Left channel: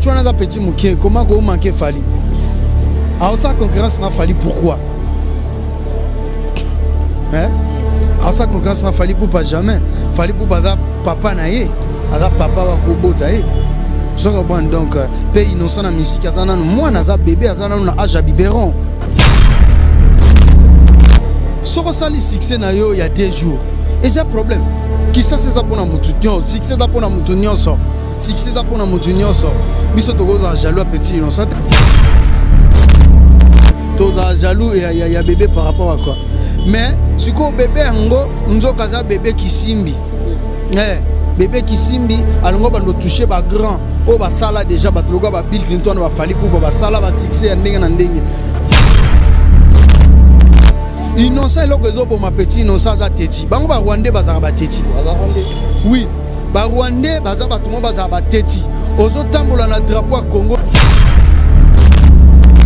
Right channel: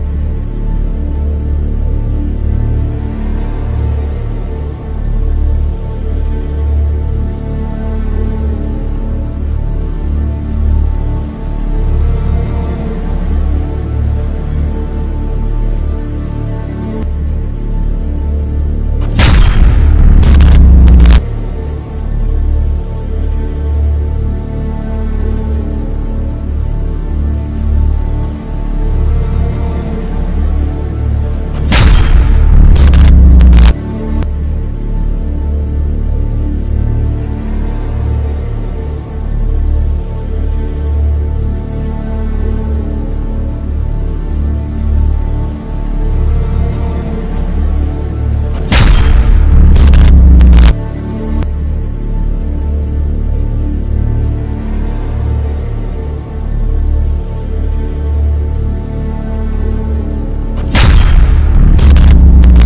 Tu as un petit mouquet, comment vous manquez Fali? Alors ça concurrence n'a fallu pourquoi? Hein? Alors ça concurrence n'a fallu pour pas jamais. Fallu pour pas papa naïe, ada papa wa kobotaïe. Donc pays innocent na musique azana moi na za bébé azana na âge à biberon. Soro sali succès na yo il y a 2 jours. Et j'ai un problème. Qui ça c'est ça pour na mutunyo, succès ça pour na mutunyo so. Succès ça pour na mutunyo so. Biso to goza jaloux petit innocent. Toza jaloux et il y a bébé par rapport à quoi? Mais ce qu'on bébé ngo nzoka za bébé qui simbi. Bébé qui simbi alors on va nous toucher ba grand. O ba sala déjà ba troga ba Bill Clinton va fali pour ba sala ba succès ndenge na ndenge. Innocent loko zo ma petit innocent za teti. Bango ba Rwandais bazaka ba teti. Oui, ba Rwandais bazaka tout monde bazaka ba teti. Ozo tambola na drapeau à Congo.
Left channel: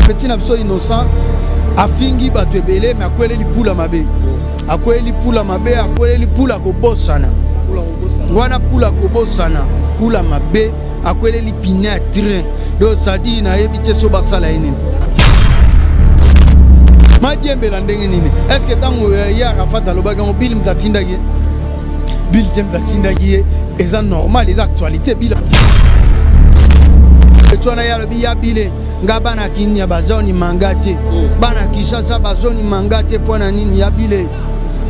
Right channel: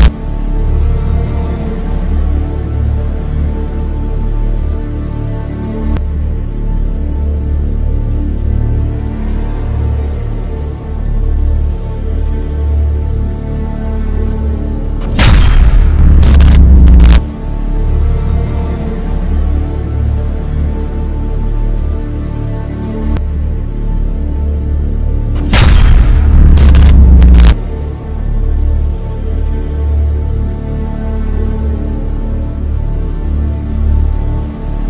Petit na innocent afingi bato ebele mais akwele li pula mabe. Akwele li pula mabe, akwele li pula ko bosana. Wana pula ko bosana, pula mabe, akwele li pina train. Do sadi na ebite so basala ene. Madiembe la ndenge nini? Est-ce que tango ya Rafat alobaga mo Bill mtatinda ki? Bill mtatinda ki eza normal les actualités Bill. Tona ya lobi ya Bill ngaba na kinya bazoni mangate. Bana kishasa bazoni mangate pona nini ya Bill.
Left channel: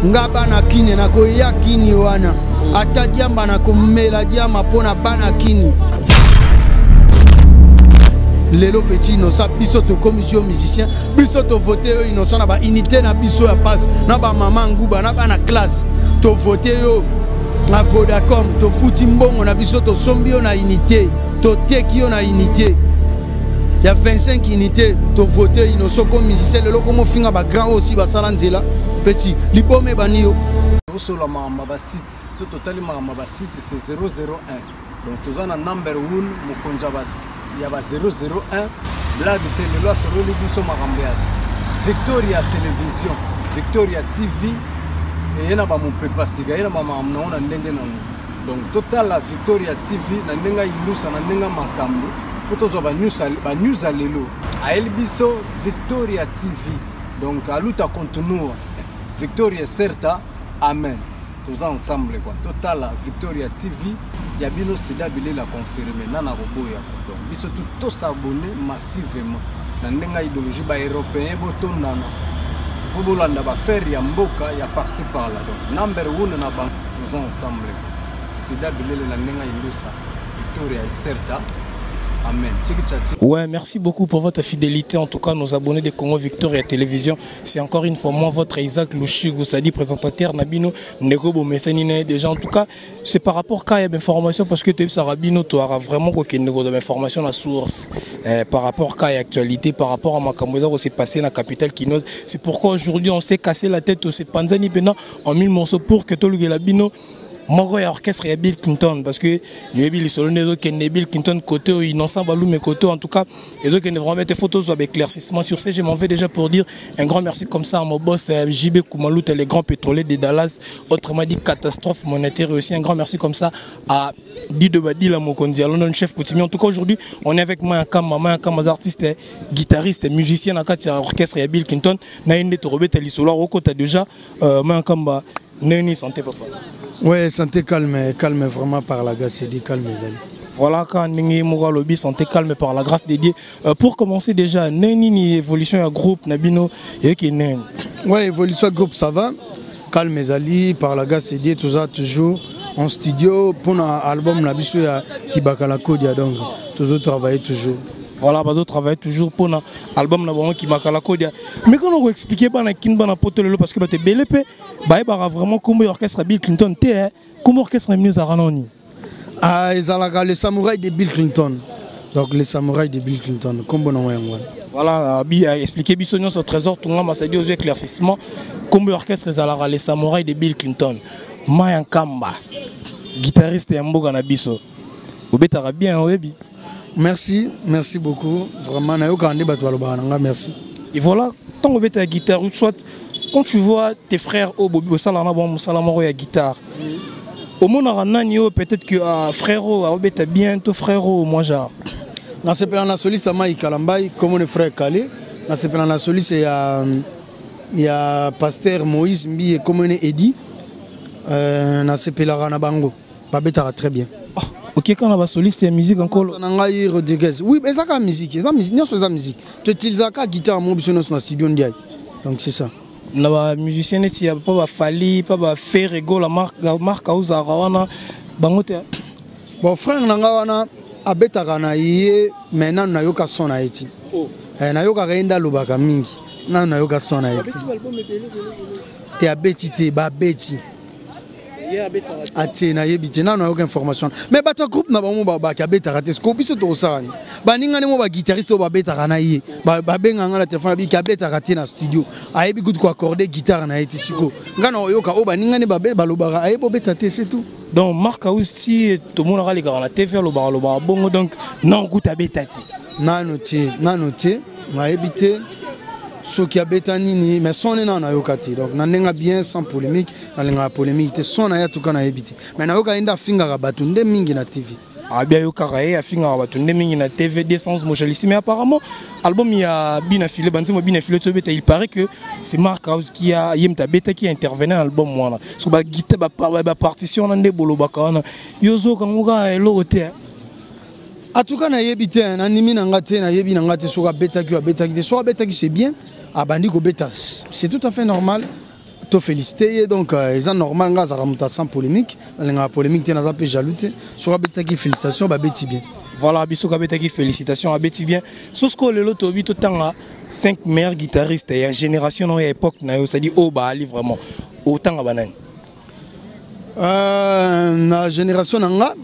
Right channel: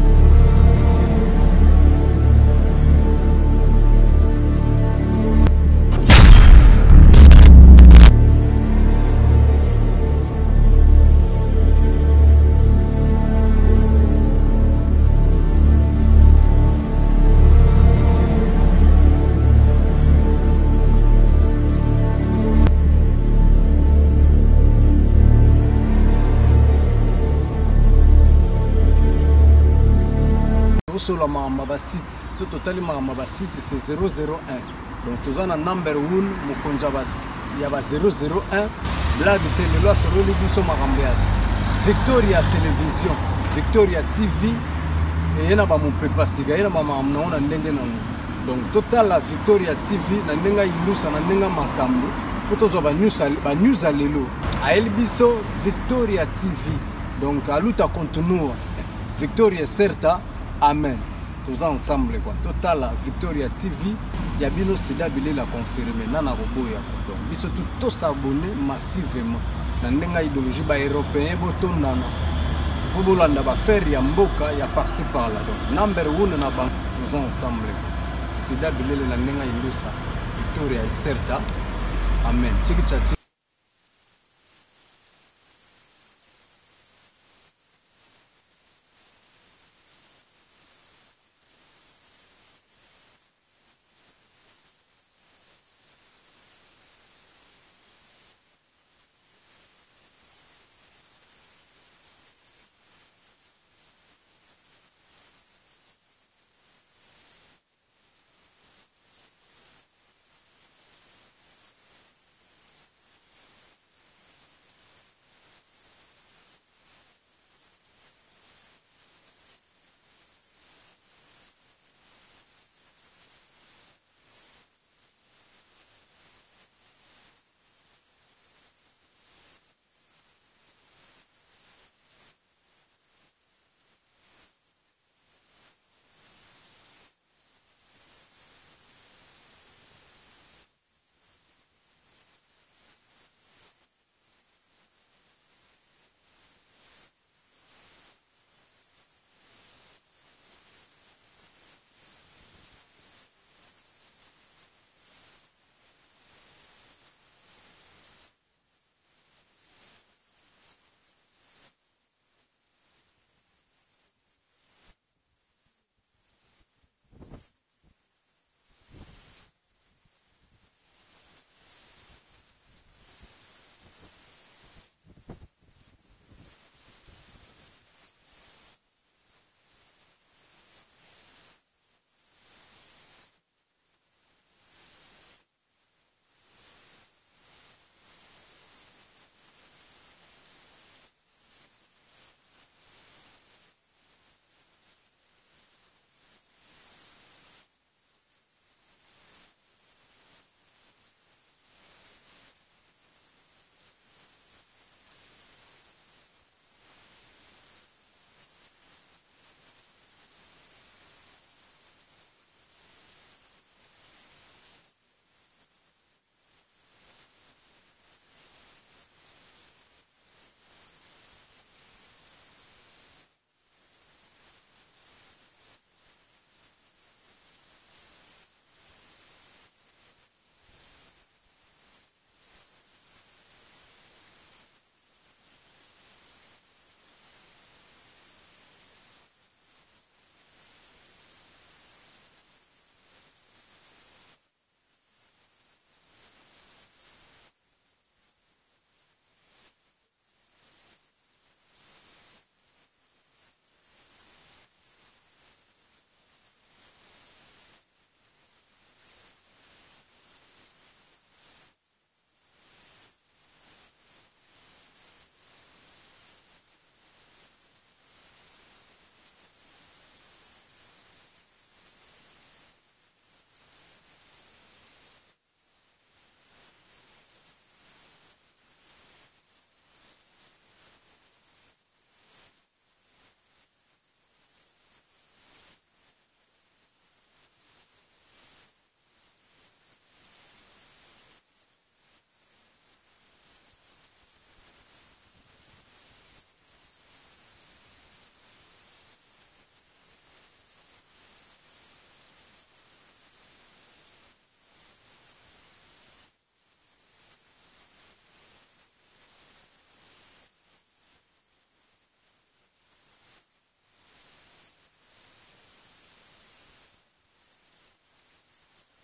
Ngaba na kinya na ko ya kini wana. Ata diamba na komela diamba pona bana kini. Lelo petit innocent biso to commission musicien biso to voter innocent na ba unité na biso ya base na ba maman nguba na ba na classe to voter yo na Vodacom to futi mbongo na biso to sombi yo na unité to teki yo na unité ya 25 unités to voter innocent comme musicien lelo comme finga ba grand aussi ba sala nzela petit libome banio sur la mama ba site ce total mama ba site c'est 001 donc tous en number 1 mokonja bas il y a 001 blague télé loi sur le biso makambeya Victoria télévision Victoria TV et yana ba mon pepa siga yana ba mamna ona ndenge nanu donc total la Victoria TV na ndenga ilusa na ndenga makambo potozo ba news alelo a el biso Victoria TV donc aluta continue Victoria certa amen tous ensemble quoi total la Victoria TV ya bino sida bile la confirmer nana roboya donc biso tout s'abonner massivement na ndenga idéologie ba européen botondana bobolanda ba faire ya mboka ya par-ci par là donc number 1 na bank tous ensemble sida bile la ndenga indusa Victoria certa. Amen. Ouais, merci beaucoup pour votre fidélité. En tout cas, nos abonnés de Congo Victoria Télévision, c'est encore une fois moi, votre Isaac Louchigou Sadi, présentateur Nabino Negobo Messanine. Déjà, en tout cas, c'est par rapport à l'information, parce que tu as Rabino, tu auras vraiment aucune information à la source par rapport à l'actualité, par rapport à Makamoza, où c'est passé dans la capitale Kinoz. C'est pourquoi aujourd'hui, on s'est cassé la tête, c'est Panzani Pena en 1000 morceaux pour que tu aies Labino. Moi, orchestre et Bill Clinton parce que il Bill Clinton côté innocent balou mais côté en tout cas et donc ils vraiment mettre photos avec éclaircissement sur ça. Je m'en vais déjà pour dire un grand merci comme ça à mon boss JB Koumalou, les grands pétroliers de Dallas, autrement dit catastrophe monétaire, et aussi un grand merci comme ça à Dido Badila Mokondi, London chef coutumier. En tout cas aujourd'hui on est avec moi un artiste, guitariste, musicien à quatre orchestre et Bill Clinton. Na inde to robeta lisolo roko ta déjà moi un Neni santé papa. Ouais, santé calme vraiment par la grâce de Dieu, calme les amis. Voilà, quand Ningi Moura Lobby, santé calme par la grâce de Dieu. Pour commencer déjà, Neni évolution à groupe, Nabino, et qui est ouais, évolution à groupe, ça va. Calme les amis, par la grâce de Dieu, tout ça, toujours en studio. Pour l'album, Nabiso, qui bakala Kodia, donc, toujours travailler toujours. Voilà, bazo travaille toujours pour l'album qui marque la Kodia. Mais quand on explique pas na potolo parce que bah t'es BLP, bah vraiment comme orchestre Bill Clinton t'es comme orchestre news à Ranoni. Ah, ils ont les samouraïs de Bill Clinton. Donc les samouraïs de Bill Clinton, comme bon nom. Voilà, expliquer Bissonio sur trésor, tout le monde m'a dit aux éclaircissements comme orchestre les samouraïs de Bill Clinton. Mayan Kamba, guitariste et Mboga na biso. Obetara bien webi. Merci beaucoup. Vraiment, merci. Et voilà, tant que tu as la guitare, soit quand tu vois tes frères au Bobi, au Salamaro, à guitare, au Monarana, peut-être que frérot, tu as bientôt frérot, moi genre. Na sepela na soliste Mai Kalambai comme on frère Calé. Na sepela na soliste ya pasteur Moïse Mbi comme on Edi. Na sepela na bango. Babeta très bien. Ok, quand on a soliste et musique encore. Oui, mais ça la musique, c'est la musique, non c'est la musique. Tu utilises la guitare mon biso dans studio ndiaye. Donc c'est ça. La musicien il y a pas Fali, pas faire ego la marque auza rawana bangote. Bon frère nanga wana abeta kana ye maintenant na yoka sona eti. Na yoka renda lobaka mingi. Na yoka sona eti. Te abeti te ba beti. Atena yebiti na aucune information mais bato groupe na bango ba ka beta raté ko biso to salani ba ningane mo ba guitariste ba beta kana ye ba benga ngala téléphone bi ka beta raté na studio ayebi good ko accorder guitare na eti siko ngana oyoka o ba ningane ba lobaka ayebo beta te c'est tout donc marque aussi tout monde a les gars na TV lo ba bongo donc non kuta beta te na noté na yebite ce qui a bétanini mais son est na yokati donc na nenga bien sans polémique na lenga polémique son na ya tout kana ebiti mais na yoka inda finga ka batunde mingi na TV bien yoka ya finga ka batunde mingi na TV 200 mojalisi mais apparemment album il y a bien affilé banzimo bien affilé to beta il paraît que c'est Mark House qui a yemta beta qui intervenait dans l'album moi so ba guitare ba partition na ndebolo bakana yozo kanguka elote. En tout cas, na yebite na nimi na ngate na yebi na ngate so ka beta qui c'est bien. Ah bandi ko beta c'est tout à fait normal. To féliciter donc ils ont normal nga za ramuta sans polémique. La polémique na za pe jaloute. So ka beta qui félicitations ba beti bien. Voilà biso ka beta qui félicitations a beti bien. Sosko lelo to bito tanga 5 meilleurs guitaristes et génération no époque na yo ça dit oh ba ali vraiment autant banane. Na génération nga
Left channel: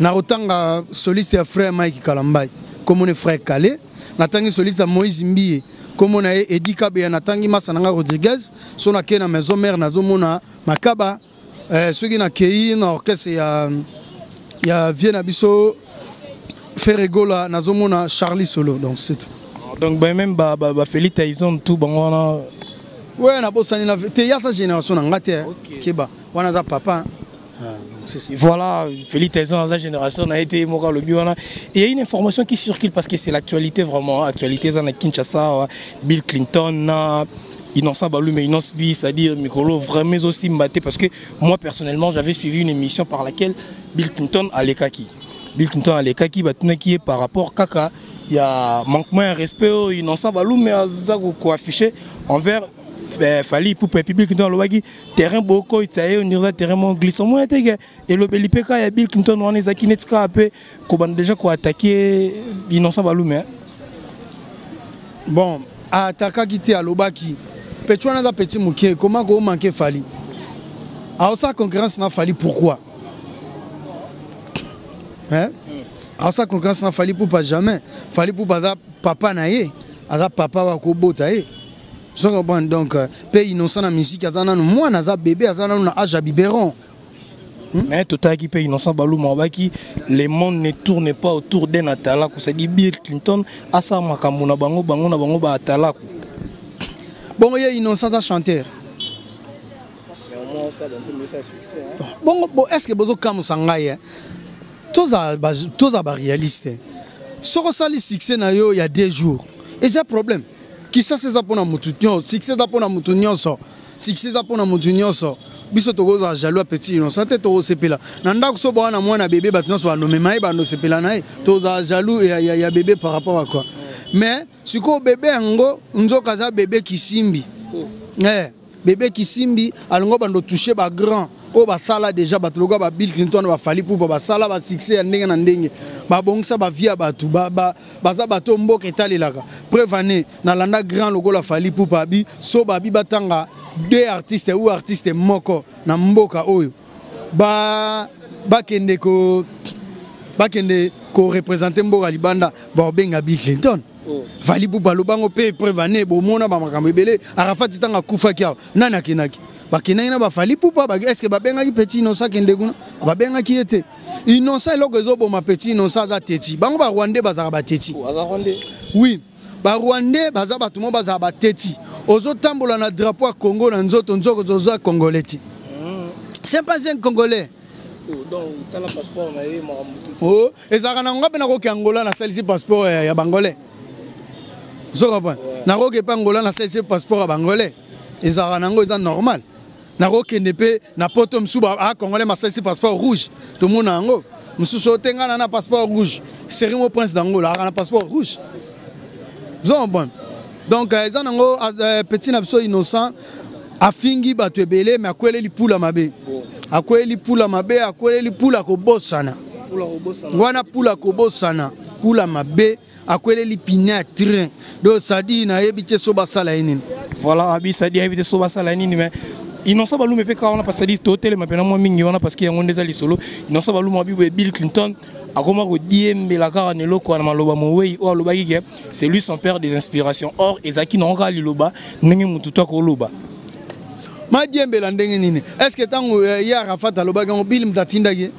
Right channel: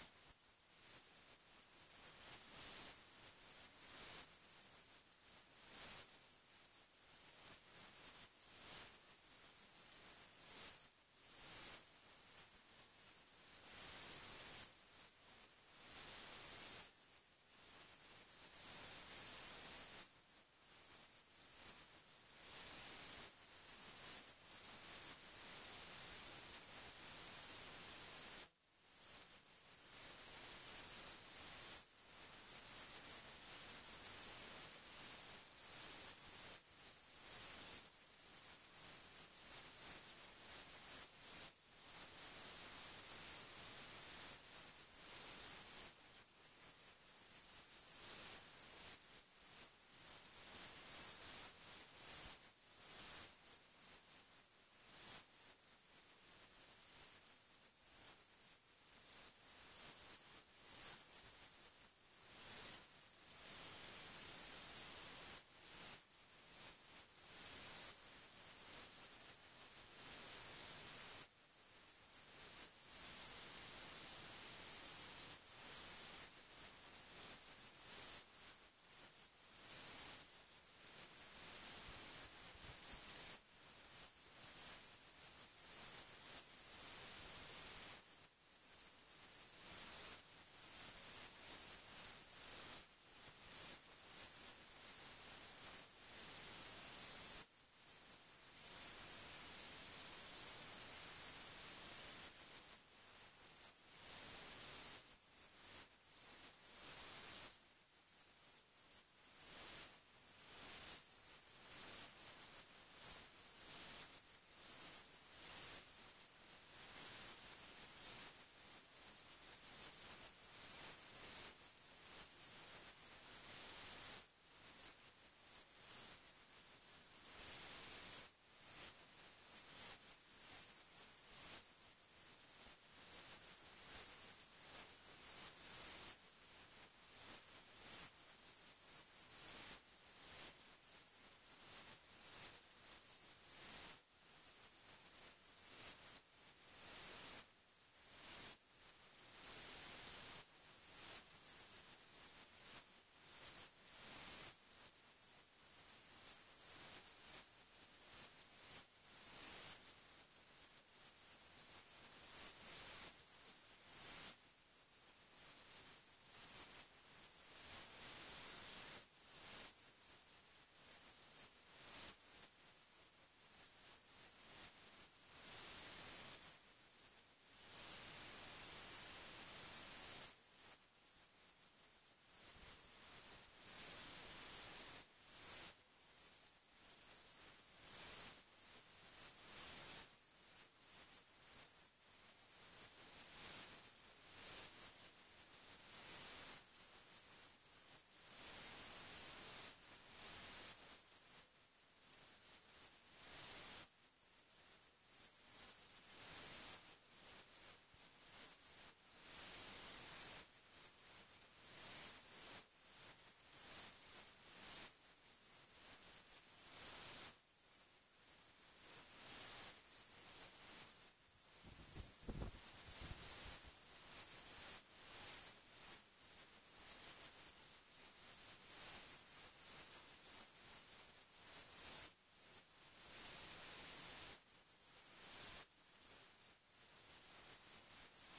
na otanga soliste ya frère Mike Kalambai comme on est frère Calé na tangi soliste ya Moïse Mbiye comme on a Edi Kabe na tangi Masananga Rodriguez so na ke na maison mère na zomona makaba ceux qui na kei na orchestre ya Viena biso Ferregola na zomona Charlie Solo donc c'est tout. Donc même ba Félix Tyson tout bango ouais na bosani na te ya sa génération nga te keba wana da papa. Voilà, Félix Tyson dans la génération a été Moka le Biona. Et il y a une information qui circule parce que c'est l'actualité vraiment. Actualité, dans Kinshasa, Bill Clinton, Innocent Balou, mais Innocent Bi, c'est-à-dire Mikolo, vraiment aussi mbatté. Parce que moi personnellement, j'avais suivi une émission par laquelle Bill Clinton a les kaki. Bill Clinton a les kaki, qui est par rapport Kaka. Il y a manquement de respect, Innocent Balou, mais à affiché envers. Fali pour Bill Clinton le terrain beaucoup itaye on dirait terrain glissant moi et le Belipeka ya Bill Clinton on est aki netka après qu'on déjà quoi attaquer Innocent Balume bon attaquer qui à lobaki petit on a petit mouké comment qu'on manquer Fali alors ça concurrence n'a Fali pourquoi hein alors ça concurrence n'a Fali pour pas jamais Fali pour pas papa naé ada papa wa ko botaye. Donc, pays innocent la musique, moi, naza bébé, na âge à biberon. Mais tout à qui pays innocent balou mabaki, le monde ne tourne pas autour d'un atala. Ça dit Bill Clinton, asa makamuna bango ba atala. Bon, il y a innocent à chanteur. Mais au moins ça dans un succès. Bon, est-ce que bozo kam sangaye? Tous à réaliste. Si on a le succès il y a 2 jours, et j'ai un problème. Qui ça c'est ça pour na mutunyo succès ça pour na mutunyo so succès ça pour na mutunyo so biso togoza jaloux petit innocent te to sepela nanda ko so bwana mwana bébé batno so no memaye ba no sepela na toza jaloux ya bébé par rapport à quoi mais siko bébé ngo nzoka za bébé kisimbi bébé kisimbi alongo bando toucher ba grand o ba sala déjà batloga ba Bill Clinton ba Fali pour ba sala ba succès ndenge na ndenge ba bongisa ba via batu baza bato mboka etalelaka preuve année na landa grand logo la Fali pour babi so babi batanga 2 artistes ou artiste moko na mboka oyo bakende ko représenter mboka libanda ba benga Bill Clinton. Fali pour balobango pe preuve année bo mona ba makambo ebele Arafat tanga kufa kia nana kinaki bakinaki ba Fali pour pas est-ce que ba benga ki petit innocent kende kuna ba benga ki était innocent loko ezobo ma petit innocent za teti bango ba Rwandais bazaka ba teti oui ba Rwandais baza ba tumo baza ba teti ozo tambola na drapeau ya Congo na nzoto nzoko zoza congolais c'est pas un congolais Donc tu as le passeport na ye oh ezaka na ngwa pena ko ke Angola na salisi passeport ya bangolais zo comprendre na ko ke pa Angola na salisi passeport ya bangolais ezaka na ngo eza normal na ko ke nepe na poto msuba a congolais ma salisi passeport rouge tout monde ngo msuso tenga na passeport rouge Série mo prince d'Angola na passeport rouge zo comprendre donc eza nango petit na biso innocent afingi bato ebele mais akwele lipula mabe akwele lipula mabe akwele lipula kobosana wana pula kobosana pula mabe akwele lipina train do sadi na yebite so basala nini voilà abi sadi yebite so basala nini mais innocent balu me pe ka wana parce que totel mapena mo mingi wana parce que yango ndeza lisolo innocent balu mo bi Bill Clinton akoma ko diembela kaka ne loko na maloba mowei o aloba ki c'est lui son père des inspirations or ezaki na nga liloba ndenge mutu to ko loba ma diembela ndenge nini est-ce que tango ya Arafat aloba ngo Bill mtatindaki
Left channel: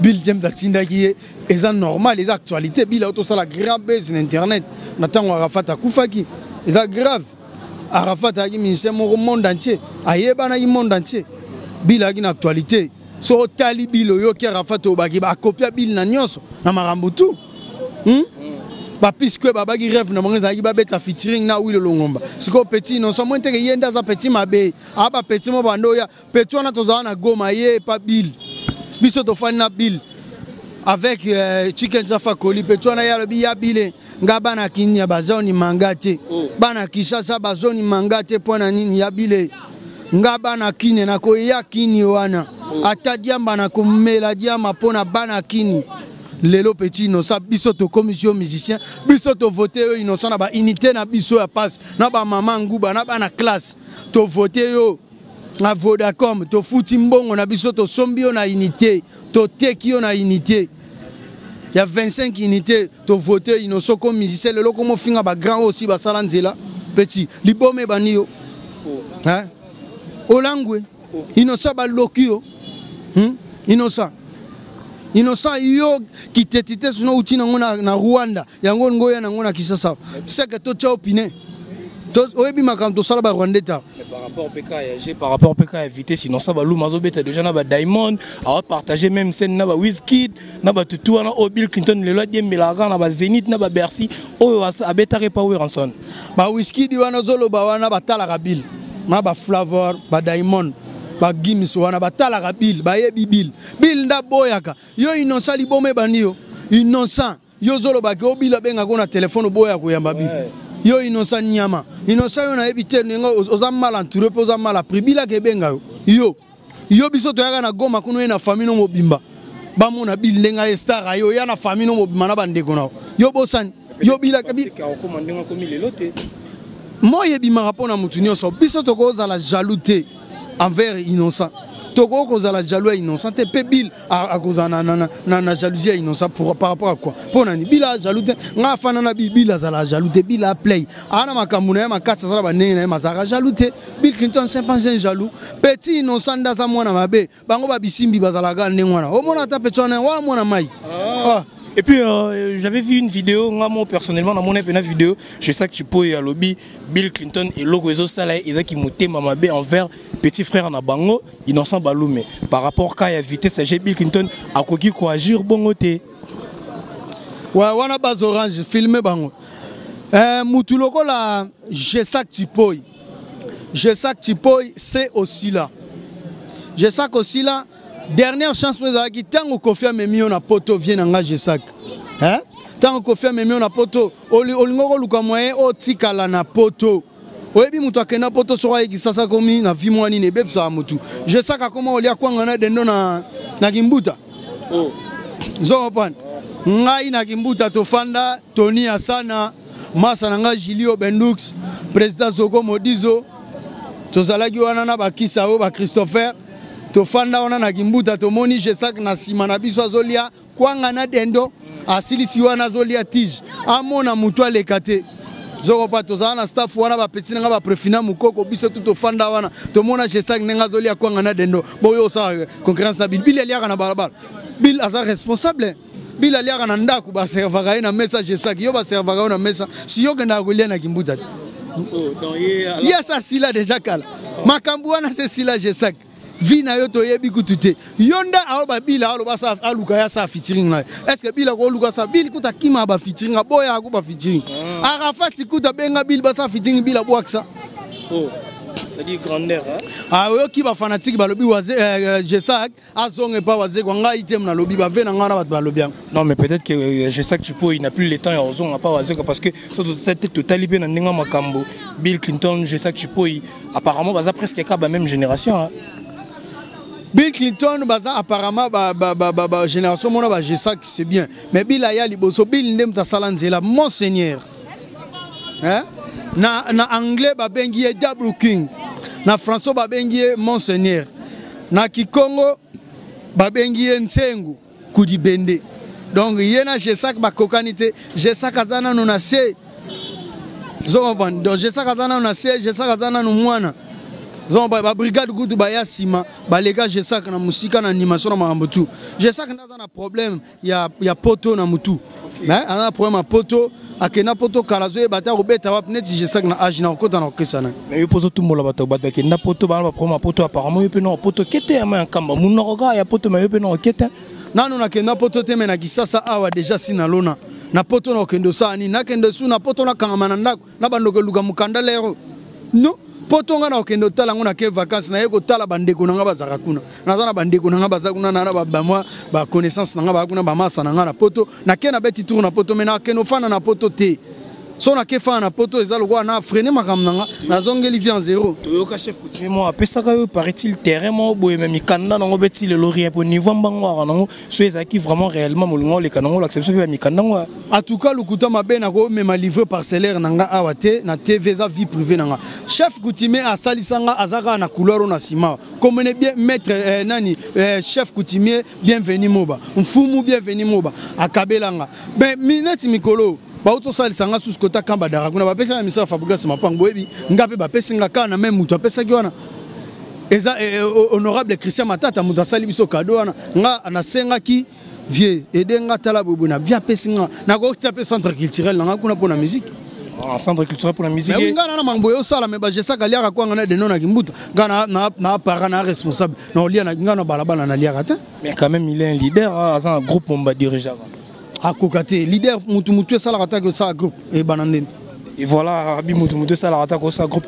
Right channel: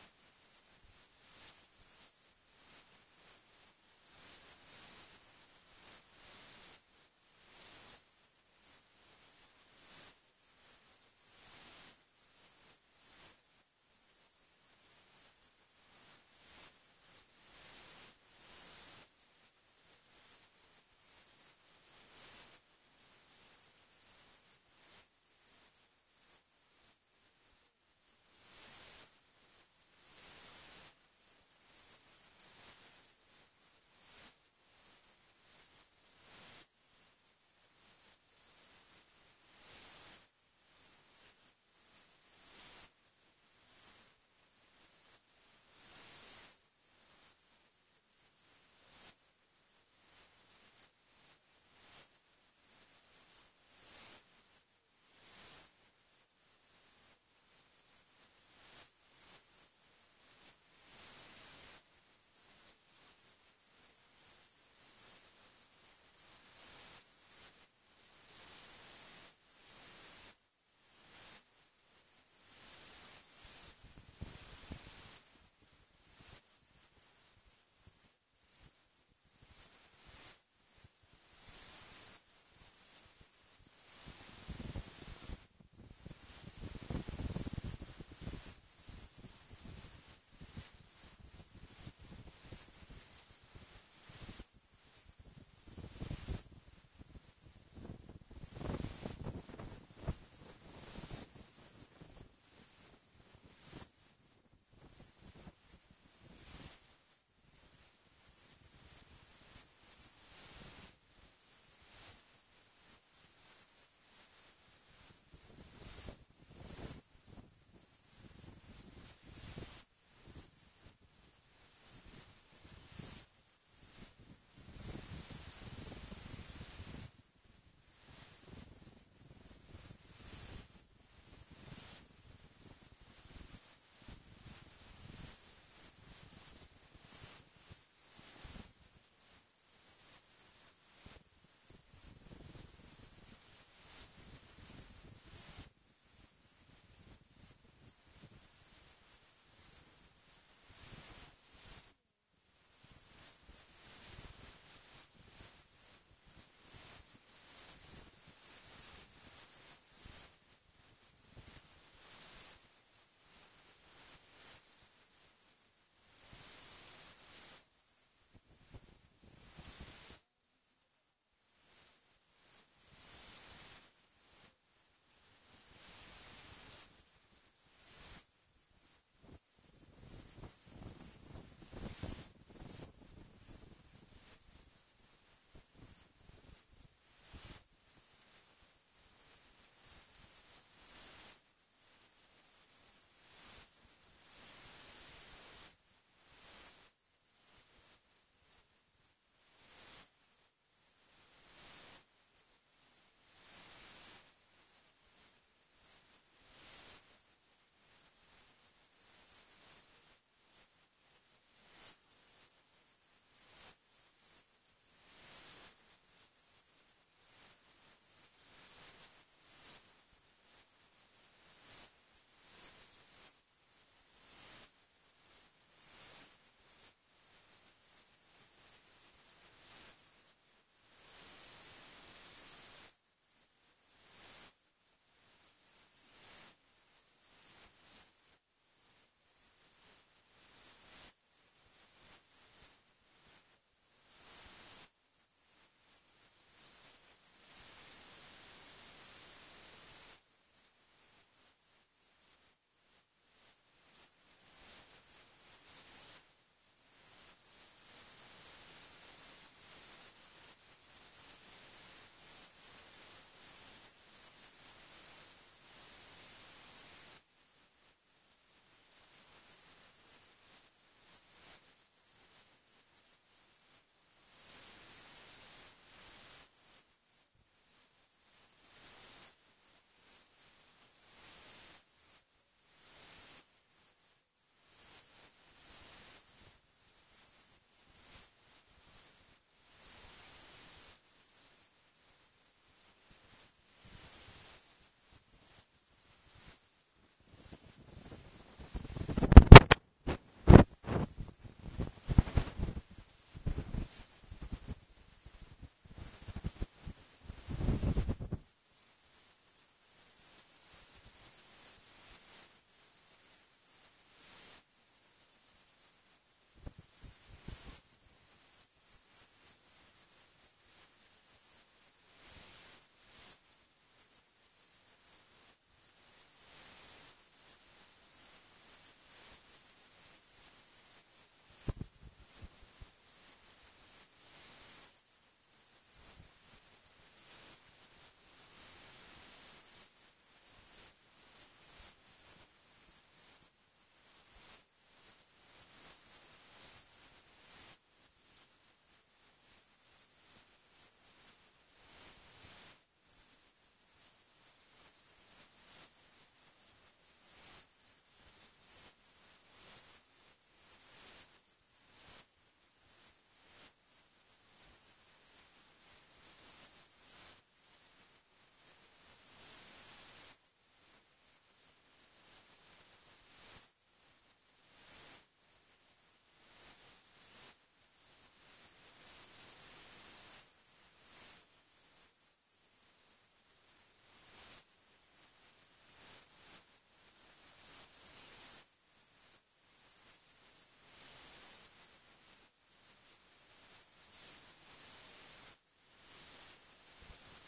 Bill jem mtatindaki eza normal eza actualité Bill auto sala grand base sur internet na tango Arafat akufaki eza grave Arafat a ministère au monde entier ayeba na monde entier Bill a une actualité so tali Bill yo ki Arafat obaki ba copia Bill na nyonso na marambo tout ba puisque babaki rêve na monga zaki ba beta featuring na Willy Longomba siko petit non so monte ke yenda za petit mabe aba petit mo bando ya petit wana tozana na Goma ye pa Bill biso to fan na Bill avec Chicken Jaffa Koli petit wana ya lobi ya Bill nga bana kinya bazoni mangate bana kishasa bazoni mangate pona nini ya Bill nga bana kine na ko ya kini wana atadiamba na kumela diama pona bana kini lelo petit innocent biso to commission musicien biso to voter innocent na ba unité na biso ya passe na ba mama nguba na ba na classe to voter yo na Vodacom to futi mbongo na biso to sombio na unité to tekio na unité il y a 25 unités to voter innocent comme musicien lelo comme finga ba grand aussi ba salanzela petit libome banio hein olangwe innocent ba lokio innocent yo kitetite suno utina ngona na Rwanda yango ngoya na ngona kisasa seke to cha opine to oyebi makamto sala ba Rwandeta par rapport au PK éviter sinon ça ba Luma zobeta déjà na ba Diamond a partager même scène na ba Wizkid na ba tutu na Bill Clinton le loi diembela na ba Zénith na ba Bercy o abeta repower ranson ba Wizkid wana zolo ba wana batala ka Bill na ba Flavor ba Diamond ba Gims wana batala ka Bill ba yebi Bill nda boyaka yo innocent libome banio innocent yo zolo ba ke obila benga ko na téléphone boya ko yamba Bill yo innocent nyama innocent yo na ebite nengo ozamala entouré po ozamala pribila ke benga yo biso to yaka na Goma kuno na famille no mobimba ba mona Bill ndenga star yo ya na famille no mobimba na bandeko na yo bosani yo bila ka Bill ka ko mandenga ko milelote moye bima rapona mutu nyonso biso to ko za la jaloute envers innocent toko ko za la jaloux innocent te pe Bill a koza na jalousie innocent par rapport à quoi pour nani Bill a jaloute nga fana na Bill a za la jaloute Bill a play ana makamuna ya makasa sala banene na mazara jaloute Bill Clinton c'est pas un jaloux petit innocent ndaza mwana mabe bango ba bisimbi bazala ga ndengwana o mona ta petona wa mona mai Et puis j'avais vu une vidéo, moi personnellement dans mon une vidéo, je sais que tu peux à lobby Bill Clinton et logo ezo sala et qui monté mamabe envers petit frère na bango innocent balume par rapport à vitesse j'ai Bill Clinton a koki ko agir bongote. Ouais wana base orange filmer bango. Mutu loko la je sais que tu peux c'est aussi là. Je sais aussi là. Dernière chance pour les qui tant Kofi Memio na poto vient engager sac. Hein? Tant Kofi Memio na poto olingoko luka moyen o tikala na poto. Oyebi mutu akena poto so ayi sasa komi na vi mwani ne bebsa mutu. Je sais ka comment olia kwanga na dendo na Kimbuta. Oh. Zopan. Ngai na Kimbuta to fanda Tony Asana Masa nanga Julio Bendux président Zoko Modizo tozalaki wana na bakisa o ba Christopher to fanda wana na Kimbuta to moni jesak na sima na biso azolia kwanga na dendo asilisi wana azolia tige amona mutu alekate zoko pa tozala na staff wana ba petit nga ba prefina mukoko biso to fanda wana to mona jesak nga azolia kwanga na dendo boyo sa concurrence na Bill aliaka na balabala Bill aza responsable Bill aliaka na ndaku ba servaga na message jesak yo ba servaga na message si yo kenda kolia na Kimbuta yes asila déjà kala makambu wana c'est sila jesak vina yo toyebi kutute yonda aloba bila aloba sa aluka ya sa featuring na est-ce que bila ko luka sa bil kuta kima ba featuring boya ko ba featuring Arafat kuta benga bil ba sa featuring bila boaksa oh ça dit grandeur hein ah yo ki ba fanatique ba lobi waze Jesak azonge pa waze kwa nga item na lobi ba vena nga na ba lobi. Non mais peut-être que Jesak Chipo il n'a plus le temps ya ozonga pa waze parce que ça peut-être totalement bien ndinga makambo Bill Clinton Jesak Chipo apparemment baza presque ka ba même génération hein. Bill Clinton baza apparemment ba génération mona ba Jesak c'est bien mais Bill aya liboso Bill ndem ta salanzela monseigneur hein na anglais ba bengi double king na français ba bengi monseigneur na kikongo ba bengi nsengu kudi bende donc yena Jesak ba kokanite Jesak azana no na se zoban donc Jesak azana no na se Jesak azana no mwana zon ba brigade gudu ba yasima ba lega Jesak na musika na animation na mambo tu Jesak azana problème ya poto na mutu mais on a problème à poto akena poto kalazo bata robeta wa net Jesak na age na kota na okesana mais yo poso tout mola bata bata kena poto ba problème à poto apparemment yo pe no poto kete ya ma kamba munoka ya poto ma yo pe no kete nanu na kena poto te mena kisasa awa déjà sina lona na poto na kendo sani na kendo su na poto na kangama na bandoko luga mukanda lero no poto nga na okendo tala ngona ke vacances na yeko tala bandeko nga bazaka kuna nazana bandeko nga bazakuna na ba moi ba connaissance nga ba kuna ba masa nga na poto na ke na beti tour na poto mena keno fana na poto te so na ke fana na poto ezalo kwa na freiner makamnanga na zongeli vient zéro toyoka chef coutumier mo apesaka yo paraît-il terrain mo boye même mikanda nango beti le laurier pour niveau mbangwa nango so ezaki vraiment réellement molingo le kanango l'acception ya mikanda ngwa en tout cas lukuta mabe na ko même livre parcellaire nanga awate na TV za vie privée nanga chef coutumier a salisanga azaka na couleur na sima comme bien maître nani chef coutumier bienvenue moba mfumu bienvenue moba akabelanga ben mineti mikolo Bauto salisanga sous kota kamba dara kuna bapesa na misa Fabrice Mapango ebi ngape bapesa ngaka na même mutu apesa ki wana eza honorable Christian Matata mutu sali biso cadeau wana nga anasenga ki vie edenga tala bobuna via pesinga na ko tiape centre culturel nga kuna pona musique centre culturel pour la musique mais nga na mambo yo sala mais ba Jesak aliaka kwa nga na de nona kimbuta nga na para na responsable na lia na nga na balabala na liaka ta mais quand même il est un leader à un groupe on va diriger à Kokate, leader Moutou Salarata que ça groupe et Banandine. Et voilà, Rabi Moutou Salarata que ça groupe.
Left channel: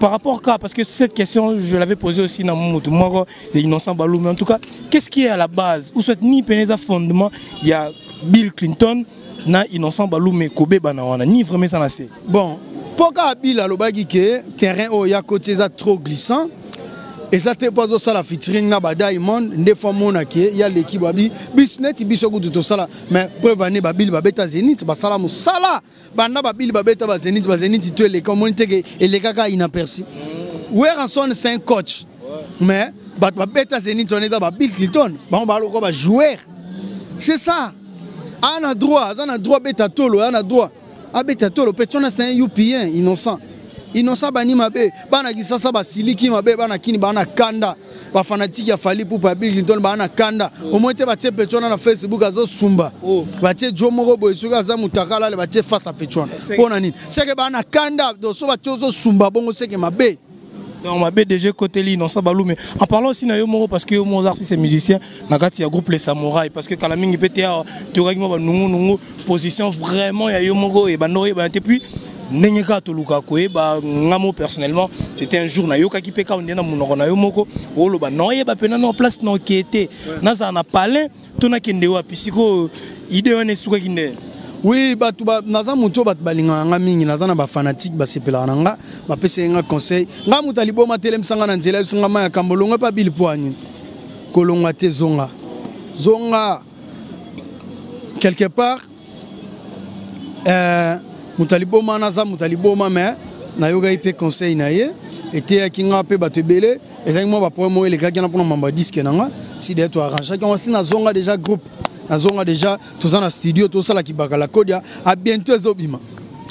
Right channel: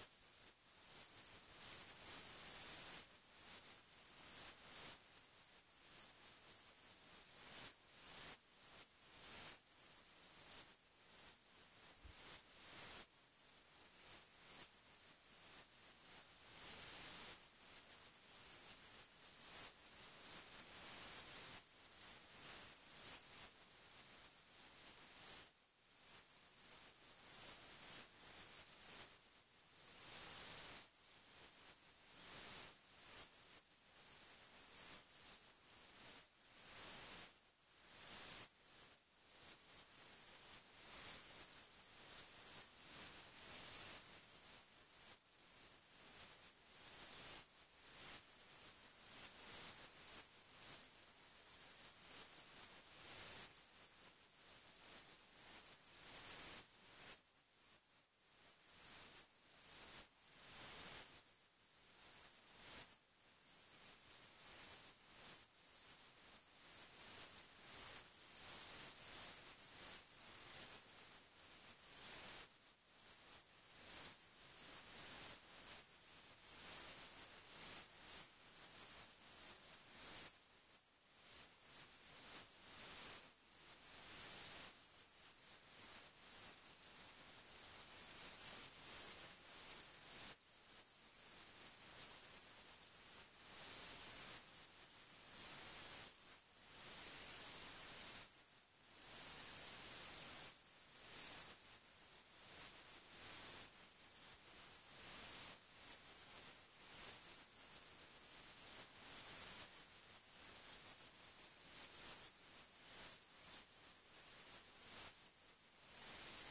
Par rapport à parce que cette question, je l'avais posée aussi dans Moutou Moro, les innocents Balou, mais en tout cas, qu'est-ce qui est à la base? Où souhaite ni Peneza fondement, il y a Bill Clinton, na innocent Balou, mais Kobe Banawana, ni vraiment ça n'a c'est. Bon, pourquoi Bill a l'obagi que terrain au ya côté ça trop glissant? Et ça te pas ça la featuring na ba Diamond des fois mona qui il y a l'équipe babi business biso go tout ça mais preuve année babil babeta Zenith ba sala musala banda babil babeta ba Zenith tu les communauté et les kaka inaperçu where Ranson c'est un coach mais babeta Zenith on est dans Bill Clinton ba ba ko ba joueur c'est ça ana droit beta tolo ana droit a beta tolo petona c'est un UPN innocent innocent bani mabe bana kisasa basiliki mabe bana kini bana kanda ba fanatique ya fali pour Bill Clinton bana kanda au moins te batie petona na Facebook azo sumba batie jomoko boyisuka za mutakala le batie face à petona pona nini c'est que bana kanda do so batie zo sumba bongo c'est que mabe donc ma BDG côté li non ça balou mais en parlant aussi na yo moko parce que mon artiste et musicien na kati ya groupe les samouraïs parce que kala mingi pété tu ragimo ba nungu position vraiment ya yo moko et bandori ba puis Nenyeka toluka koeba ngamo personnellement c'était un jour na yoka ki peka ondena munoko na yo moko oloba noye ba pena no place no kete naza na palin tona kende wa pisiko idée on esuka kinde oui batu ba naza muto bat balinga nga mingi naza na ba fanatique ba sepela nga ba pese nga conseil nga mutali boma telem sanga na nzela sunga ma ya kambolonga pa Bill Poani kolonga te zonga quelque part mutaliboma naza mutaliboma mais na yoga ipe conseil na ye était kinga pe batebele et moi ba problème les gars qui na pour mamba disque nanga si de toi arranger quand si na zonga déjà groupe na zonga déjà tous en studio tout ça la ki bakala kodia à bientôt ezobima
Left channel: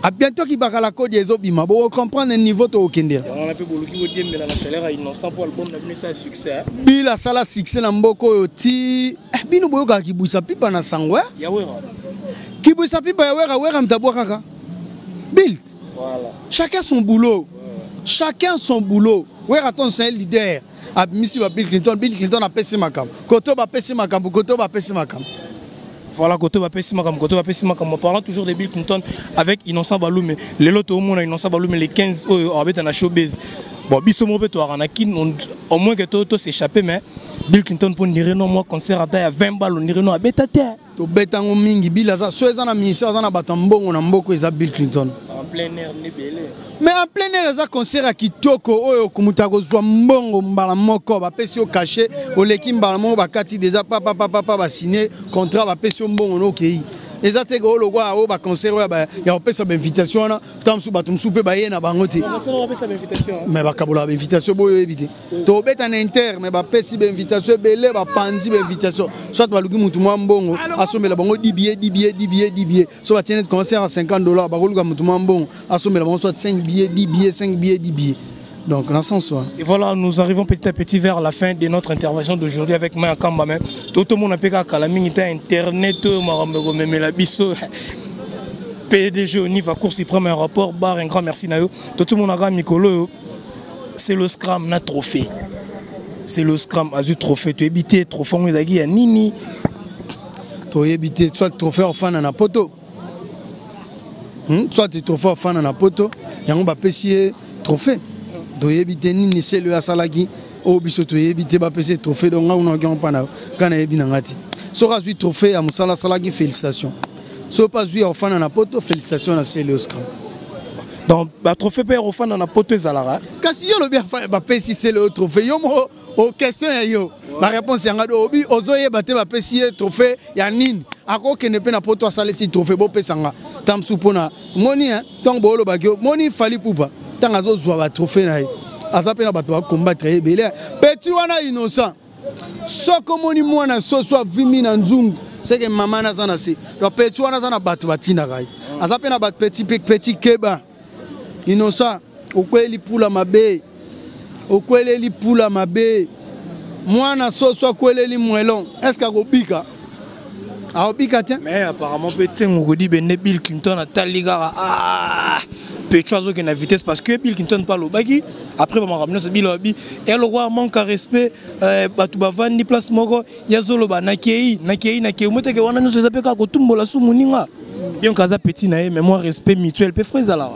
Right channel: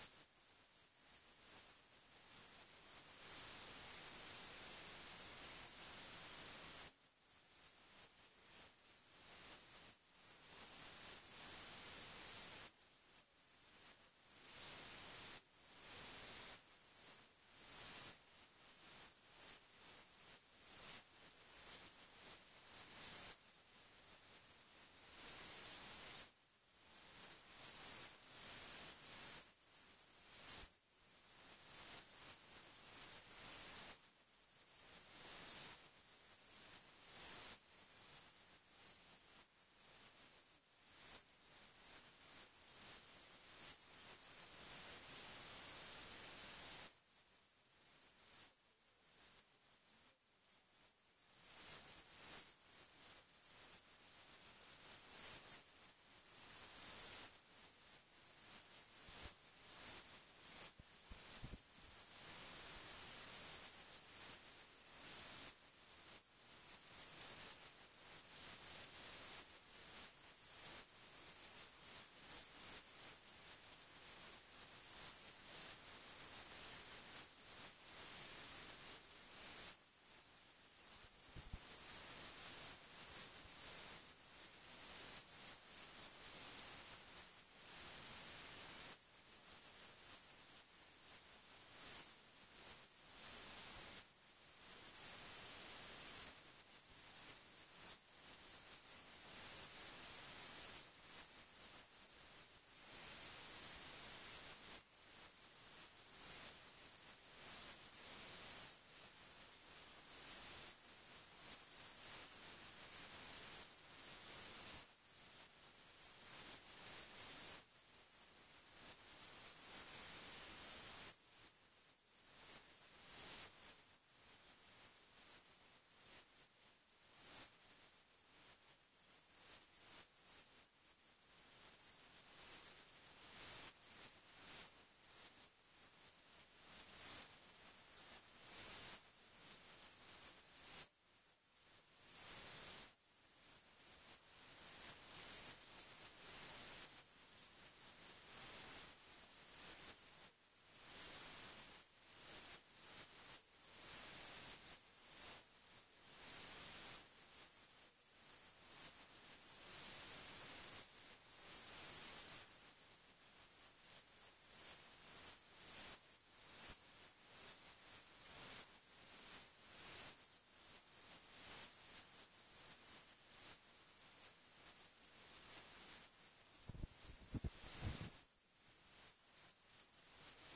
à bientôt ki bakala kodia ezobima bon comprendre le niveau to okendela on a fait boluki wodiembela na chaleur innocent pour album na bino ça succès bila sala succès na mboko ti bino boyoka kibuisa pipa na sangwa ya wera kibuisa pipa ya wera mtabwa kaka Bill. Voilà. Chacun son boulot. Chacun son boulot. Weraton c'est un leader. Abimisi ba Bill Clinton a pesi makam. Koto ba pesi makam, koto ba pesi makam. Voilà, Koto va passer ma cam. Parlant toujours de Bill Clinton avec Innocent Balou, mais les lots au monde, Innocent Balou, mais les 15 en a showbiz. Bon, Bissomo Beto Aranakin, au moins que Toto s'échappe, mais Bill Clinton pour dire non, moi, concert à taille à 20 balles, on dirait non, à bêta terre. To bêta en mingi, Bill Aza, soit un ministère, on a batambo, on a beaucoup, ils Bill Clinton. En plein air, nebelé. Mais en plein air, ça concert à Kitoko, oh, Kumutago, Zwambongo, Mbalamoko, va pesio caché, au Lekim Balamon, va Kati, déjà, papa, va signer, contrat, va pesio bon, ok. Les atégo, le roi, va concert, il y a une invitation, tant sous batum soupe, baïen à Bangote. Mais va Kabola, invitation, pour éviter. To bête en inter, mais va pessi, invitation, belé, va pandi, invitation. Soit va l'ougi moutouma mbongo, assommé la bango, 10 billets. Soit va tenir concert à $50, va rouler moutouma mbongo, assommé la bango, soit 5 billets, 10 billets. Donc, dans ce sens. Et voilà, nous arrivons petit à petit vers la fin de notre intervention d'aujourd'hui avec Maya Kamba. Tout le monde a pu Internet, la biso. PDG au niveau course, il prend un rapport, bar, un grand merci. Tout le monde a gagné Mikolo. C'est le scrum, na trophée. C'est le scrum, azu trophée. Tu es trophée, on est à Nini. Tu es habité, soit trophée au fan à poto. Soit tu trophée au fan à poto. Il y a un bapessier trophée. Tu es habité Nini, c'est le Asalagi. Au biso, tu es habité bapessier trophée. Donc, on a un pan. Quand on est habité Nangati. Soit tu trophée à Moussala Salagi, félicitations. Si pas joué au fan à poto, félicitations à Célio Scrum. Donc, le trophée père au fan à poto Zalara. Quand si le bien fait, si c'est le trophée, aux questions, la réponse est en obi, aux oeufs, batté ma pessie, trophée, Yanine. À quoi que ne peut pas poto salé si trophée, beau pesanga. Tam soupona. Moni, tant bolo bagio, moni fali poupa. Tant azo zoa trophée naï. Azapé na bato combattre belé. Petit wana innocent. Soko moni mwana so soit vimi na nzungu. C'est que maman n'a pas assez. Le petit wana zana bato batina gai. Azapé na bat petit keba. Innocent. Okweli pula mabe. Okweli pula mabe. Mwana so soit kweli mwelon. Est-ce qu'à Gobika? À Gobika tiens. Mais apparemment petit on dit ben Bill Clinton a taliga Péchoiseau qui a vitesse parce que Bill Clinton parle au bagui. Après, on va ramener ce Bill Obi. Et le roi manque à respect. Batouba Vandi place Mogo. Yazolo ba Nakei. Moi, t'es que on a nous appelé quand tout le monde la sous Mouninga. Bien qu'à petit naïe, mais moi respect mutuel. Peu frère Zala.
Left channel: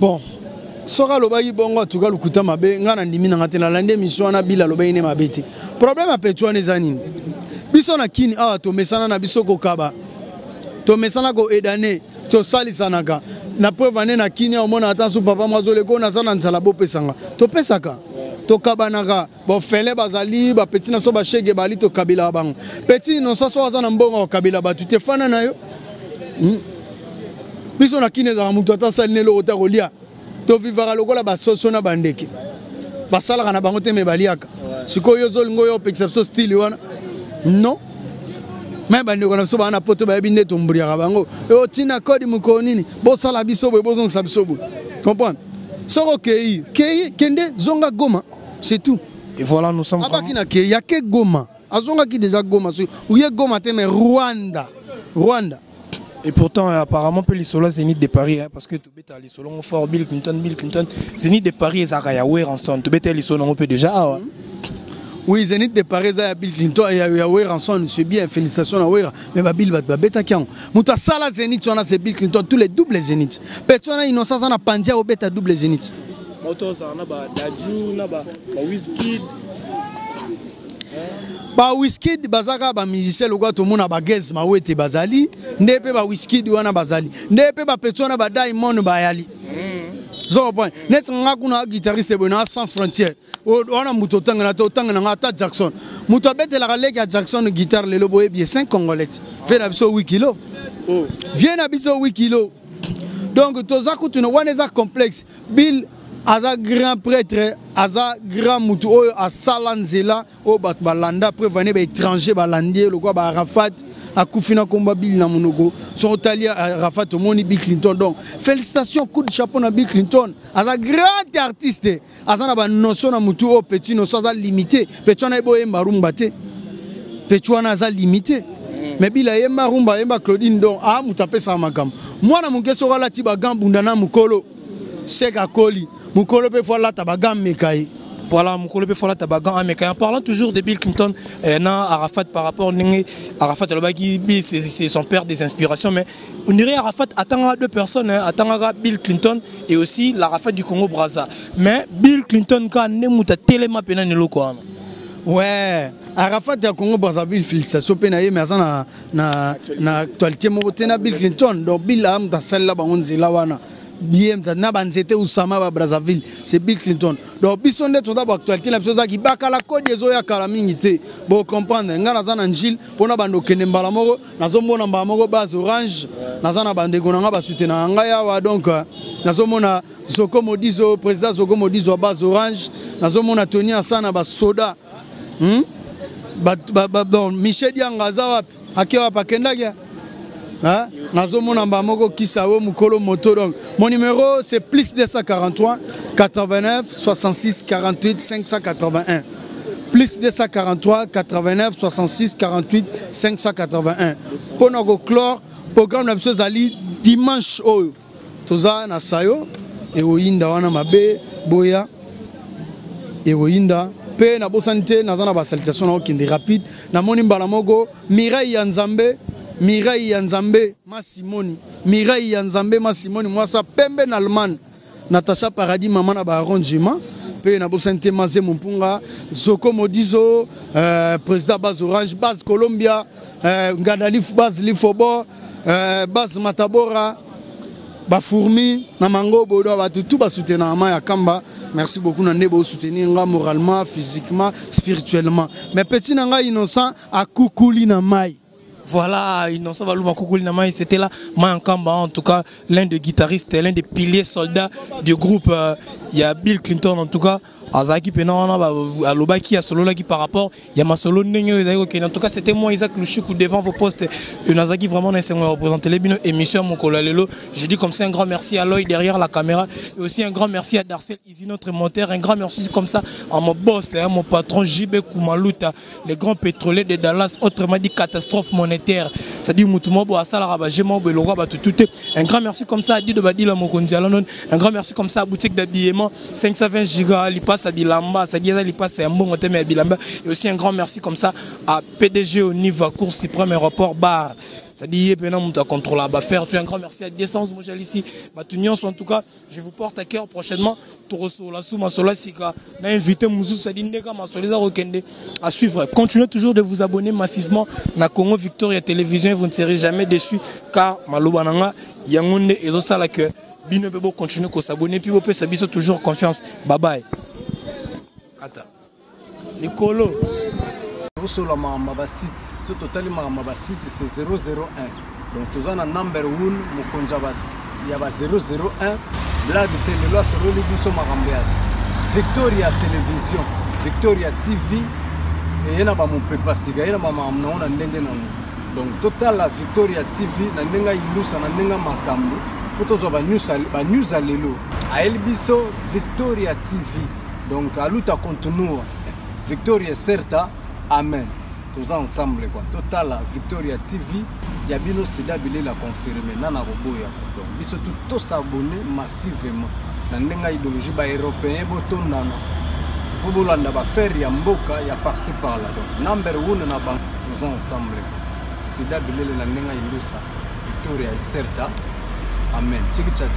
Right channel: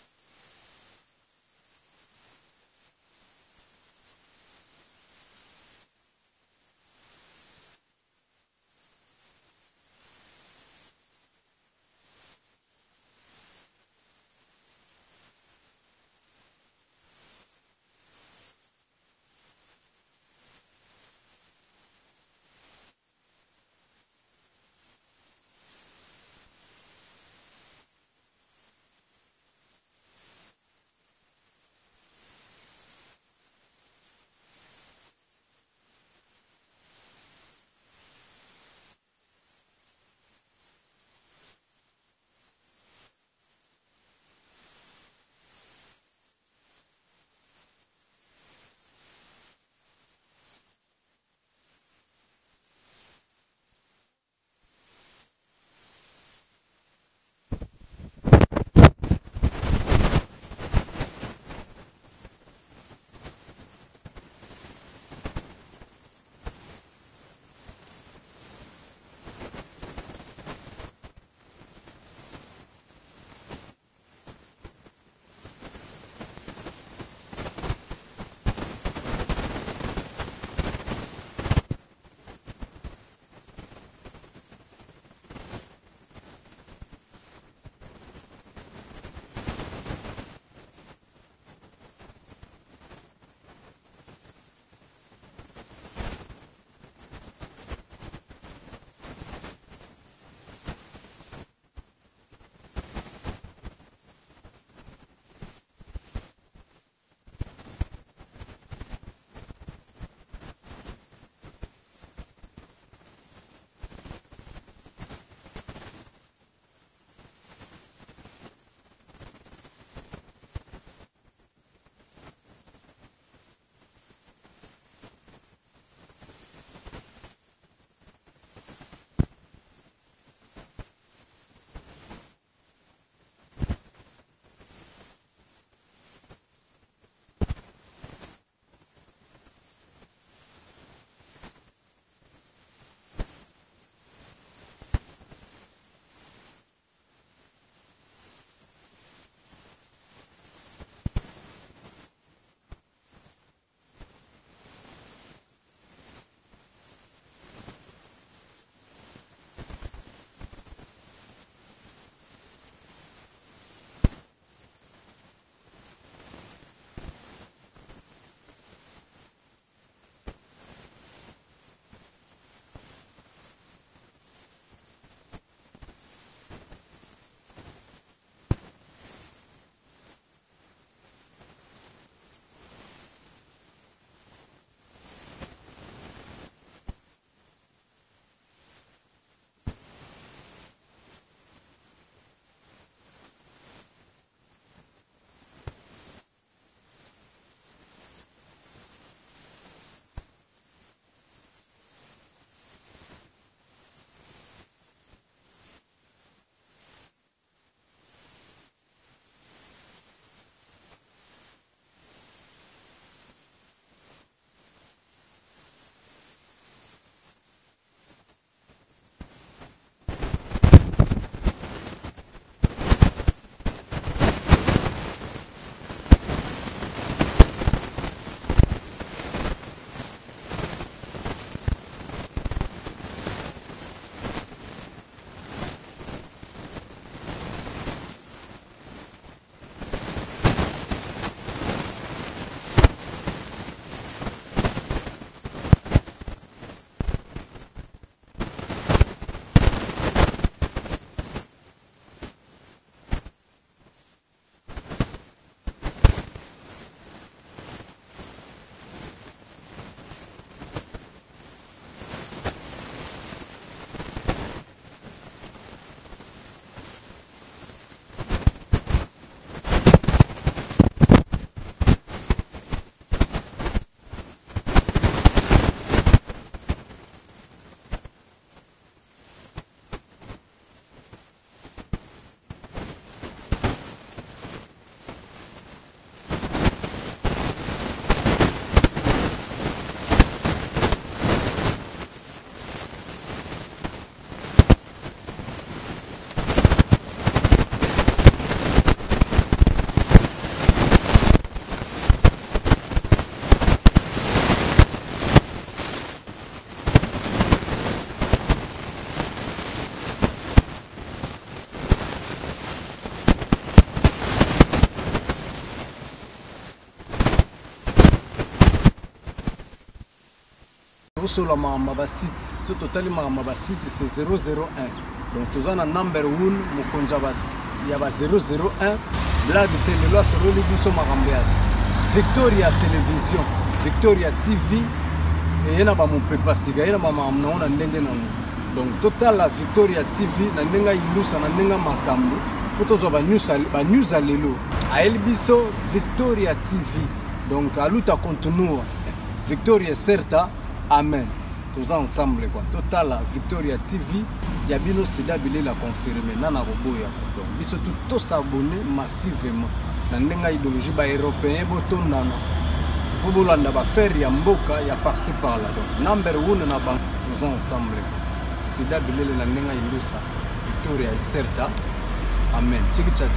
Bon. Sora lobayi bongo tuga lukuta mabe ngana ndimi na ngatela lande mission na bila lobayi ne mabeti. Problème a Péchois ne zanini. Biso na kini awa to mesana na biso ko kaba. To mesana ko edane to sali sanaka. Na preuve ane na kini au mona atansu papa mazole ko na sana nzala bo pesanga. To pesaka. To kabanaka bo fele bazali ba petit na so ba shege bali to kabila bango. Petit no so so na mbongo kabila ba tu te fana na yo. Biso na kini za mutu atasali ne lo ota kolia. To vivara lokola ba soso na bandeki. Ba sala kana bango te me baliaka. Sikoyo zolingo yo exception style wana. Non. Même si on a un pote qui est tombé à Bango, et tina code mukonini, bossa la biso, boson sabsobo. Comprends? Soro kei, kende, zonga goma, c'est tout. Et voilà, nous sommes. Il y a que goma. Azonga qui déjà goma, ou y a goma, mais Rwanda. Et pourtant, apparemment, les solos Zénith de Paris, parce que les solos fort Bill Clinton, Zénith de Paris et Zarayaouer ensemble. Tu bêtes les solos on peut déjà. Oui, Zénith de Paris et Bill Clinton et Yaouer ensemble, c'est bien, félicitations à Yaouer. Mais Bill va bêta qui ont. Mouta Sala Zénith, on a c'est Bill Clinton, tous les doubles Zénith. Personne innocent, on a Pandia au bêta double Zénith. Moto, ça on a Dadju, on a Wizkid. Pas Wizkid, Bazaka, ba musicien, le gars, tout le monde a bagaz, ma ouete Bazali. Nepe ba Wizkid ou ana Bazali. Nepe ba Petona ba Diamond Bayali. Zo point. Net nga kuna guitariste bona sans frontières. On a muto tanga na ta Jackson. Muto bete la relègue à Jackson guitare le lobo bien 5 congolais. Fait na biso 8 kg. Oh. Viens na biso 8 kg. Donc tozaku tu no waneza complexe. Bill aza grand prêtre, aza grand mutu oyo a salanzela o bat balanda prévenir ba étranger balandier le quoi ba Arafat akufina komba Bill na monoko son italien Arafat moni Bill Clinton. Donc félicitations, coup de chapeau na Bill Clinton, aza grand artiste, aza na ba notion na mutu o petit no ça limité, petit na ebo yemba rumba te, petit na aza limité. Mais Bill yemba rumba yemba Claudine donc mutu apesa makam mwana mukeso wala tiba gambunda na mukolo. Seka Koli mukolo pe fola tabaga mekai. Voilà, Moukolebe Fola Tabagan, mais en parlant toujours de Bill Clinton, Arafat par rapport à Arafat, c'est son père des inspirations, mais on dirait Arafat attend deux personnes, attend Bill Clinton et aussi l'Arafat du Congo Brazza. Mais Bill Clinton, quand on a tellement pénal quoi. Ouais, Arafat du Congo Brazzaville, ça s'opère mais ça na actualité na Bill Clinton, donc Bill a dans celle là, on dit là wana. Bien, na banzete Oussama ba Brazzaville, c'est Bill Clinton. Donc bisonde tout d'abord actualité la chose qui baka la code des oya kala mingité. Bon comprendre ngana za Angil pona bando kende mbala moko nazomona mbala moko base orange nazana bande gonanga ba soutenir ngaya wa donc nazomona Soko Modizo président Soko Modizo base orange nazomona Tony Asana ba soda. Bon Michel Diangaza wapi akewa pakenda kia. Nazomona mbamoko kisawo mukolo moto donc mon numéro c'est plus 243 89 66 48 581 plus 243 89 66 48 581 pour notre clore programme la chose ali dimanche oyo toza na sayo et oyinda wana mabe boya et oyinda pe na bosante nazana ba salutation na okinde rapide na moni mbala moko Mireille ya Nzambe Mireille Yanzambe Massimoni Mireille Yanzambe Massimoni moi ça pembe en Allemagne Natacha Paradis maman na ba arrangement pe na bosante Mazé Mupunga Soko Modizo président Baz Orange Baz Colombia Ngadalif Baz Lifobo Baz Matabora ba Fourmi na Mango Bodo ba tout ba soutenir ma ya Kamba. Merci beaucoup na nebo soutenir nga moralement, physiquement, spirituellement. Mais petit nanga innocent a kukuli na mai. Voilà, Innocent Valouma Koukouli Namai, c'était là, Mayankamba, en tout cas, l'un des guitaristes, l'un des piliers soldats du groupe. Il y a Bill Clinton, en tout cas, Azaki Penana, Alobaki, à Solo qui par rapport, il y a ma solo en tout cas, c'était moi, Isaac Louchoukou, devant vos postes. Nazaki, vraiment, on représenté les émissions, mon Kolalelo. Je dis comme ça un grand merci à Loïc derrière la caméra, et aussi un grand merci à Darcy, notre monteur, un grand merci comme ça à mon boss, mon patron JB Koumalouta, le grand pétrolier de Dallas, autrement dit catastrophe monétaire. C'est-à-dire Moutumobo à Salaraba, Gémobo, le roi tout. Un grand merci comme ça à Dido Badila Mokonzi Alanon, un grand merci comme ça à boutique d'habillement 520 gigas, Lipas à Bilamba, c'est-à-dire Lipas c'est un bon thème à Bilamba, et aussi un grand merci comme ça à PDG au niveau cours suprême aéroport bar. C'est-à-dire Pénan Mouta contrôle à faire. Un grand merci à Descend ici, à l'Union, en tout cas, je vous porte à cœur prochainement. Invité à suivre. Continuez toujours de vous abonner massivement à Congo Victoria Télévision. Vous ne serez jamais déçus car Malobananga Yangonde et Rosala que Bino Bebo continue de s'abonner. Puis vous pouvez toujours confiance. Bye bye. Nicolo. Sur la Mambasite, ce total Mambasite c'est 001. Donc tous en number 1, Mokonjabas, il y a 001. Là, de loi sur le Libiso Marambiad. Victoria Télévision, Victoria TV, et il y a mon papa Siga, il y a ma maman, donc total la Victoria TV, Nandenga Ilusa, Nandenga Makambo, Potozoba News à Lelo. A Elbiso, Victoria TV, donc à l'outa continue, Victoria Certa, Amen. Tous ensemble, quoi. Total la Victoria TV, il y a bien aussi d'habiller la confirmer, Nana Roboya. Donc, ils sont tous s'abonner massivement. Nandenga idéologie ba européen boton nana. Bobolanda ba faire ya mboka ya par-ci par-là. Donc number 1 na bank tous ensemble. C'est d'habiller la nandenga ilusa. Victoria Certa. Amen.